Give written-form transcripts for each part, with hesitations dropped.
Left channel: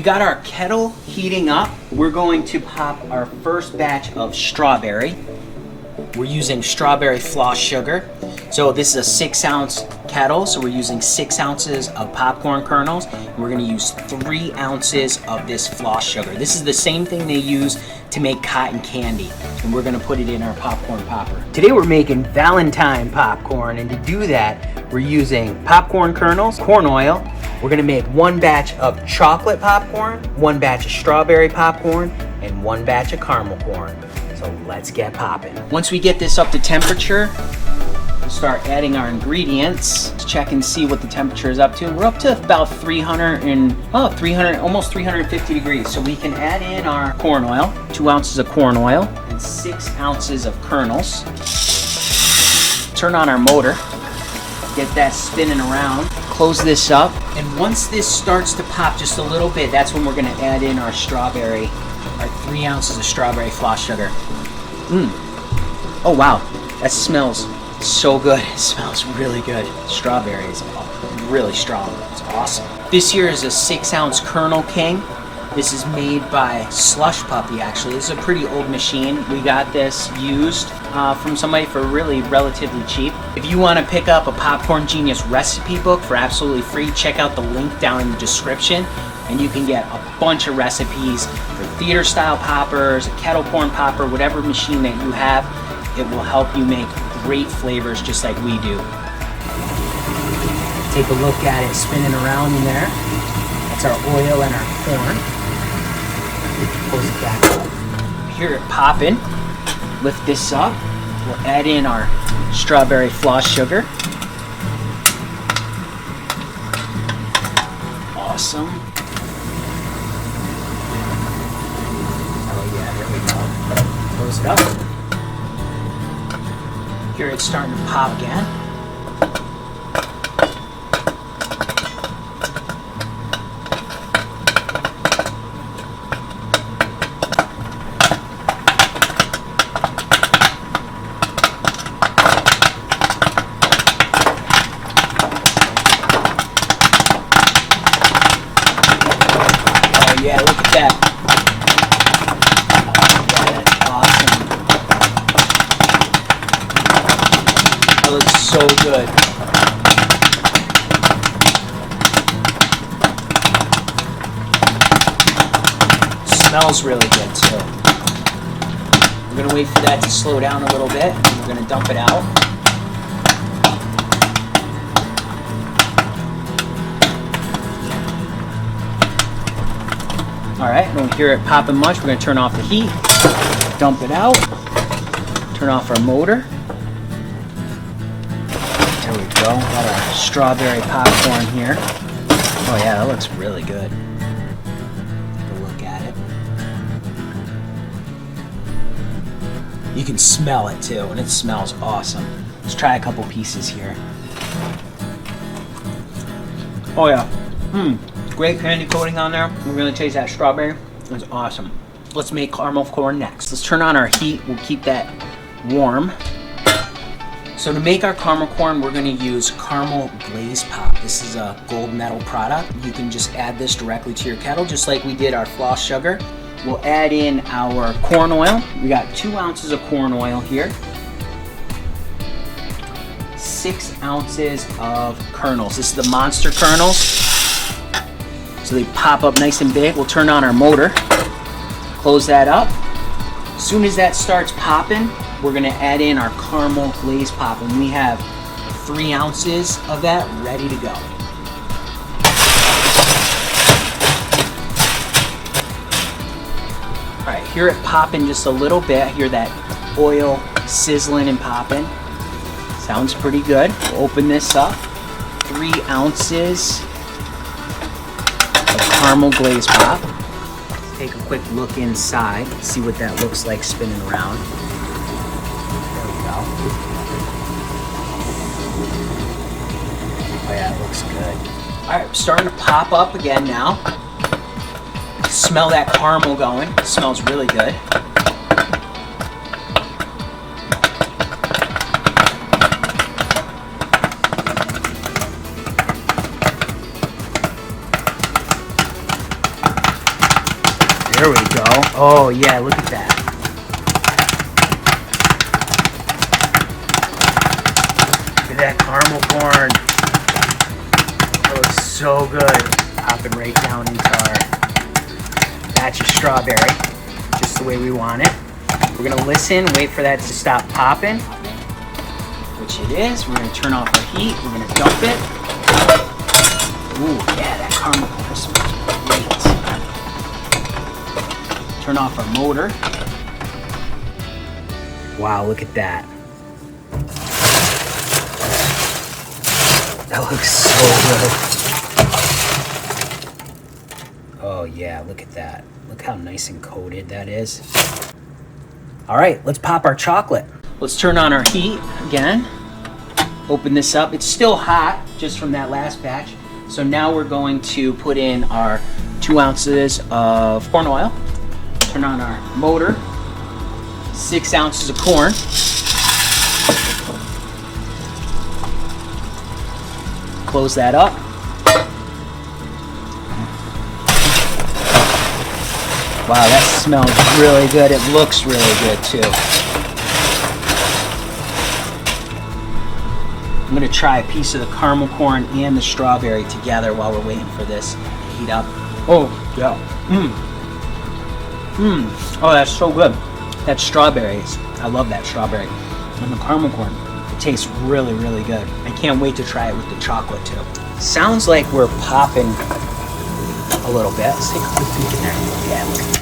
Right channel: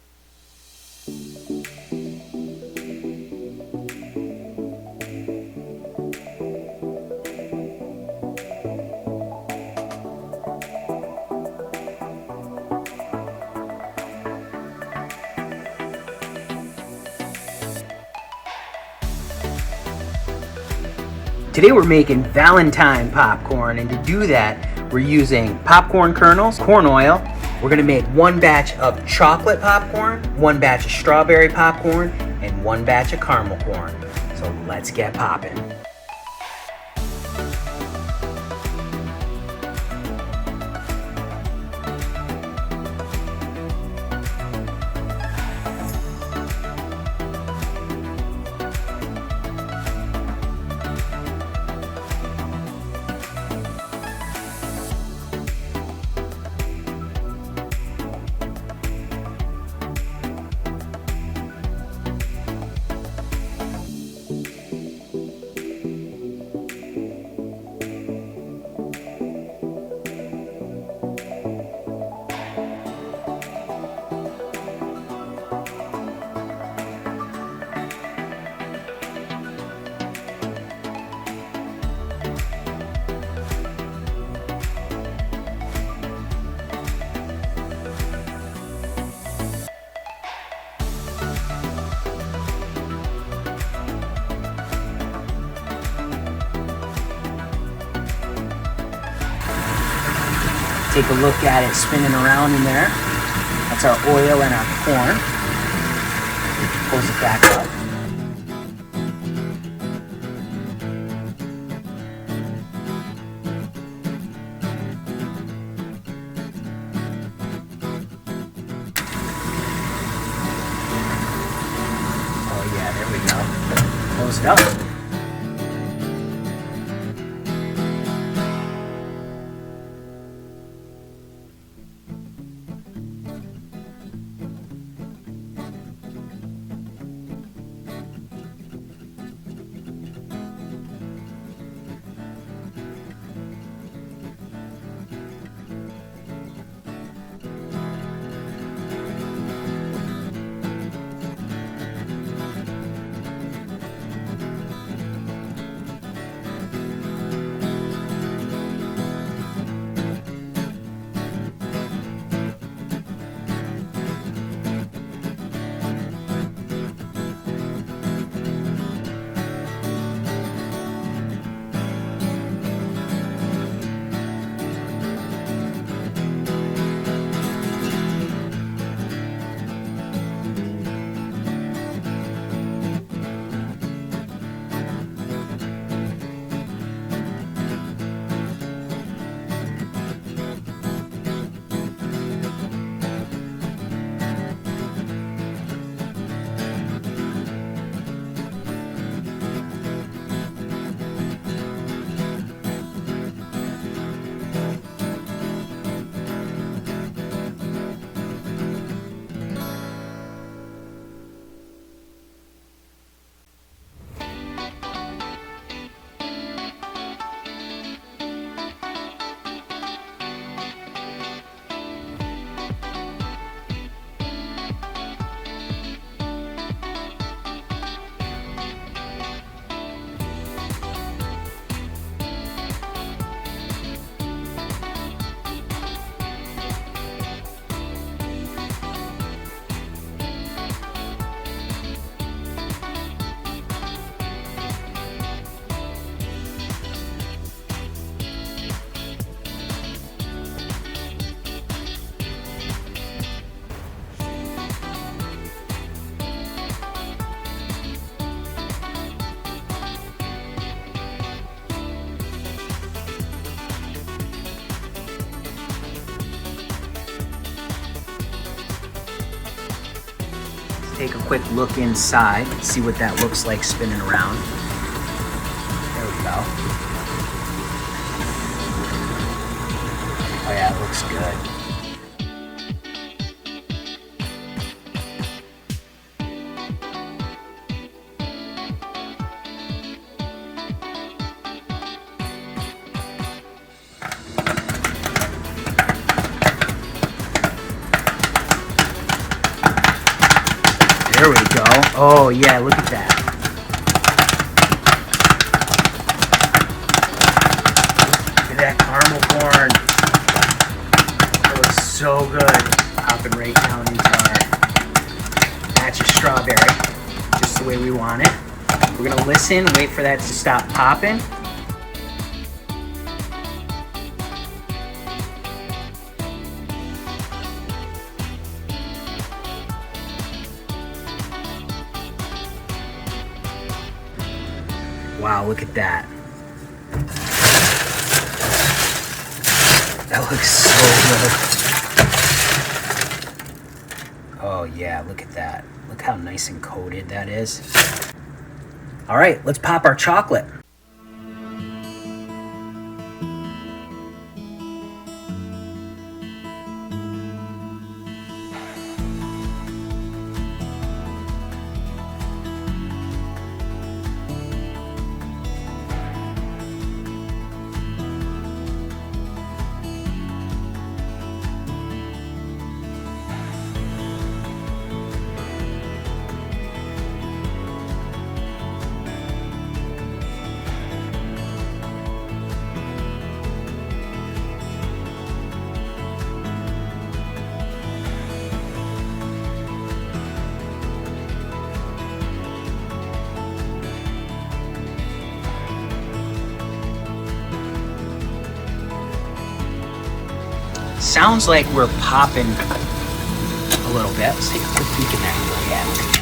We got our kettle heating up. We're going to pop our first batch of strawberry. We're using strawberry floss sugar. So this is a 6-ounce kettle, so we're using 6 ounces of popcorn kernels. And we're gonna use 3 ounces of this floss sugar. This is the same thing they use to make cotton candy, and we're gonna put it in our popcorn popper. Today we're making Valentine popcorn, and to do that, we're using popcorn kernels, corn oil. We're gonna make 1 batch of chocolate popcorn, 1 batch of strawberry popcorn, and 1 batch of caramel corn. So let's get popping. Once we get this up to temperature, start adding our ingredients. Let's check and see what the temperature is up to. We're up to about 300, almost 350 degrees. So we can add in our corn oil, 2 ounces of corn oil, and 6 ounces of kernels. Turn on our motor, get that spinning around, close this up, and once this starts to pop just a little bit, that's when we're gonna add in our strawberry, our 3 ounces of strawberry floss sugar. Oh wow, that smells so good. It smells really good. Strawberry is really strong. It's awesome. This here is a 6-ounce Kernel King. This is made by Slush Puppy, actually. This is a pretty old machine. We got this used from somebody for really relatively cheap. If you want to pick up a Popcorn Genius recipe book for absolutely free, check out the link down in the description, and you can get a bunch of recipes for theater style poppers, a kettle corn popper, whatever machine that you have. It will help you make great flavors just like we do. Take a look at it spinning around in there. That's our oil and our corn. Close it back up. Hear it popping. Lift this up. We'll add in our strawberry floss sugar. Awesome. Oh yeah, there we go. Close it up. Here it's starting to pop again. Oh yeah, look at that. So good. Smells really good too. We're gonna wait for that to slow down a little bit. We're gonna dump it out. All right, don't hear it popping much. We're gonna turn off the heat, dump it out, turn off our motor. Got our strawberry popcorn here. Oh yeah, that looks really good. Look at it. You can smell it too, and it smells awesome. Let's try a couple pieces here. Oh yeah, great candy coating on there. We're gonna taste that strawberry. It's awesome. Let's make caramel corn next. Let's turn on our heat. We'll keep that warm. So to make our caramel corn, we're going to use caramel glaze pop. This is a gold medal product. You can just add this directly to your kettle, just like we did our floss sugar. We'll add in our corn oil. We got 2 ounces of corn oil here. 6 ounces of kernels. This is the monster kernels. So they pop up nice and big. We'll turn on our motor, close that up. As soon as that starts popping, we're gonna add in our caramel glaze pop, and we have 3 ounces of that ready to go. All right, hear it popping just a little bit. Hear that oil sizzling and popping. Sounds pretty good. We'll open this up. 3 ounces of caramel glaze pop. Take a quick look inside, see what that looks like spinning around. There we go. Oh yeah, it looks good. All right, starting to pop up again now. Smell that caramel going. It smells really good. There we go. Oh yeah, look at that. Look at that caramel corn. That looks so good. Popping right down into our batch of strawberry, just the way we want it. We're gonna listen, wait for that to stop popping, which it is. We're gonna turn off our heat. We're gonna dump it. Ooh, yeah, that caramel corn smells great. Turn off our motor. Wow, look at that. That looks so good. Oh yeah, look at that. Look how nice and coated that is. All right, let's pop our chocolate. Let's turn on our heat again. Open this up. It's still hot just from that last batch. So now we're going to put in our 2 ounces of corn oil. Turn on our motor. 6 ounces of corn. Close that up. Wow, that smells really good. It looks really good too. I'm gonna try a piece of the caramel corn and the strawberry together while we're waiting for this to heat up. Oh, yeah. Oh, that's so good. That strawberries, I love that strawberry. And the caramel corn, it tastes really, really good. I can't wait to try it with the chocolate too. Sounds like we're popping a little bit. Let's take a quick peek in there. Yeah, look at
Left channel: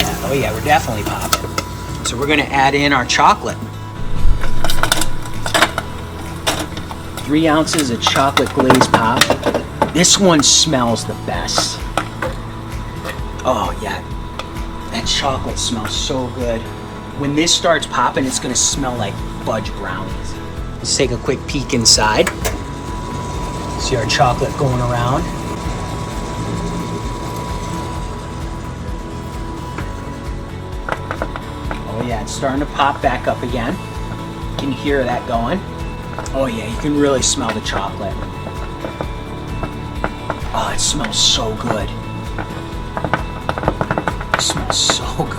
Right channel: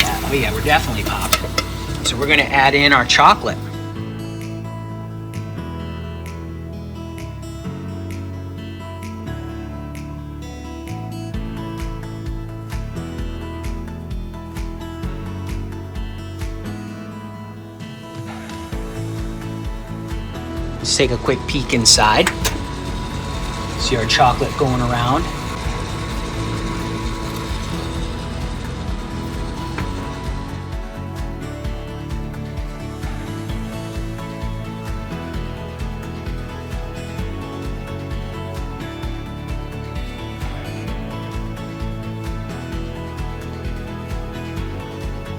that. Oh yeah, we're definitely popping. So we're gonna add in our chocolate. 3 ounces of chocolate glaze pop. This one smells the best. Oh yeah, that chocolate smells so good. When this starts popping, it's gonna smell like fudge brownies. Let's take a quick peek inside. See our chocolate going around. Oh yeah, it's starting to pop back up again. You can hear that going. Oh yeah, you can really smell the chocolate. Oh, it smells so good. It smells so good.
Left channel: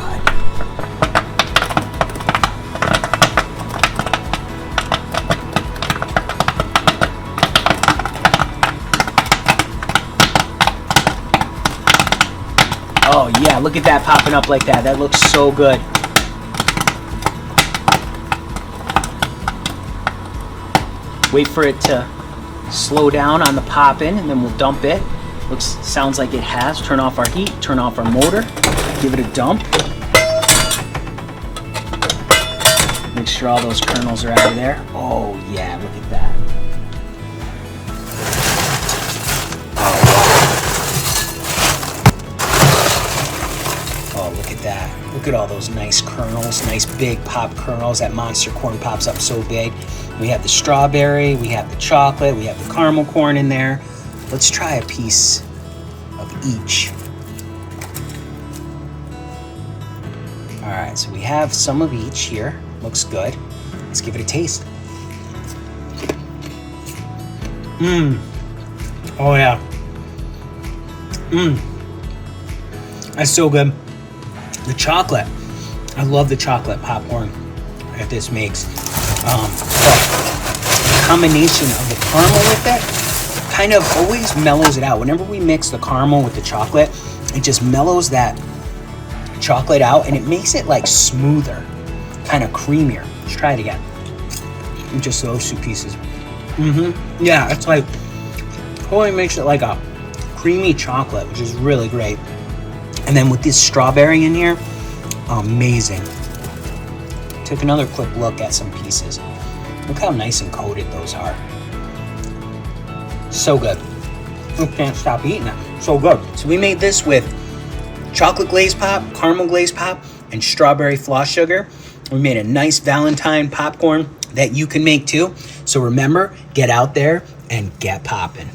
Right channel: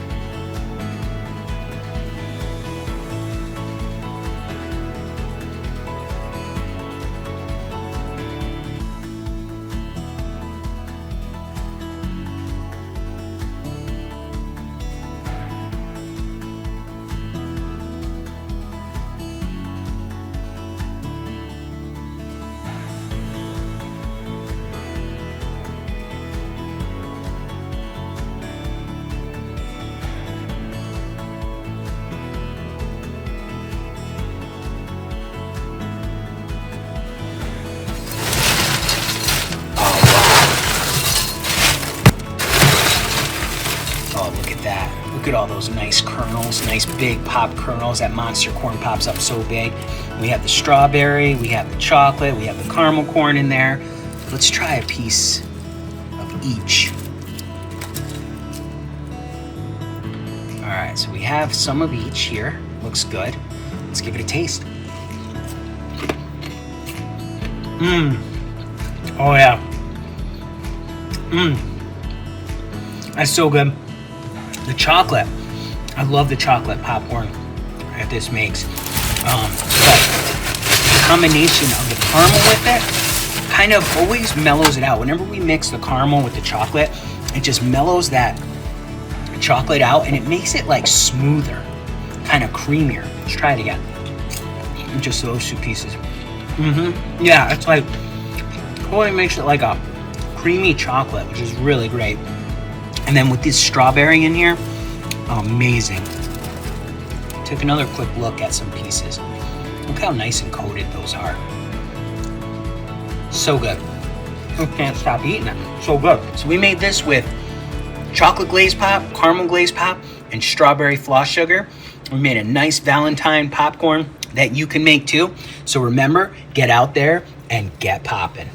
Oh yeah, look at that popping up like that. That looks so good. Wait for it to slow down on the popping and then we'll dump it. Sounds like it has. Turn off our heat, turn off our motor, give it a dump. Make sure all those kernels are out of there. Oh yeah, look at that. Oh wow. Oh, look at that. Look at all those nice kernels, nice big pop kernels. That monster corn pops up so big. We have the strawberry, we have the chocolate, we have the caramel corn in there. Let's try a piece of each. All right, so we have some of each here. Looks good. Let's give it a taste. Oh yeah. That's so good. The chocolate. I love the chocolate popcorn that this makes. But the combination of the caramel with it kind of always mellows it out. Whenever we mix the caramel with the chocolate, it just mellows that chocolate out and it makes it like smoother, kind of creamier. Let's try it again. Just those 2 pieces. Yeah, it's like totally makes it like a creamy chocolate, which is really great. And then with this strawberry in here, amazing. Take another quick look at some pieces. Look how nice and coated those are. So good. I can't stop eating it. So good. So we made this with chocolate glaze pop, caramel glaze pop, and strawberry floss sugar. We made a nice Valentine popcorn that you can make too. So remember, get out there and get popping.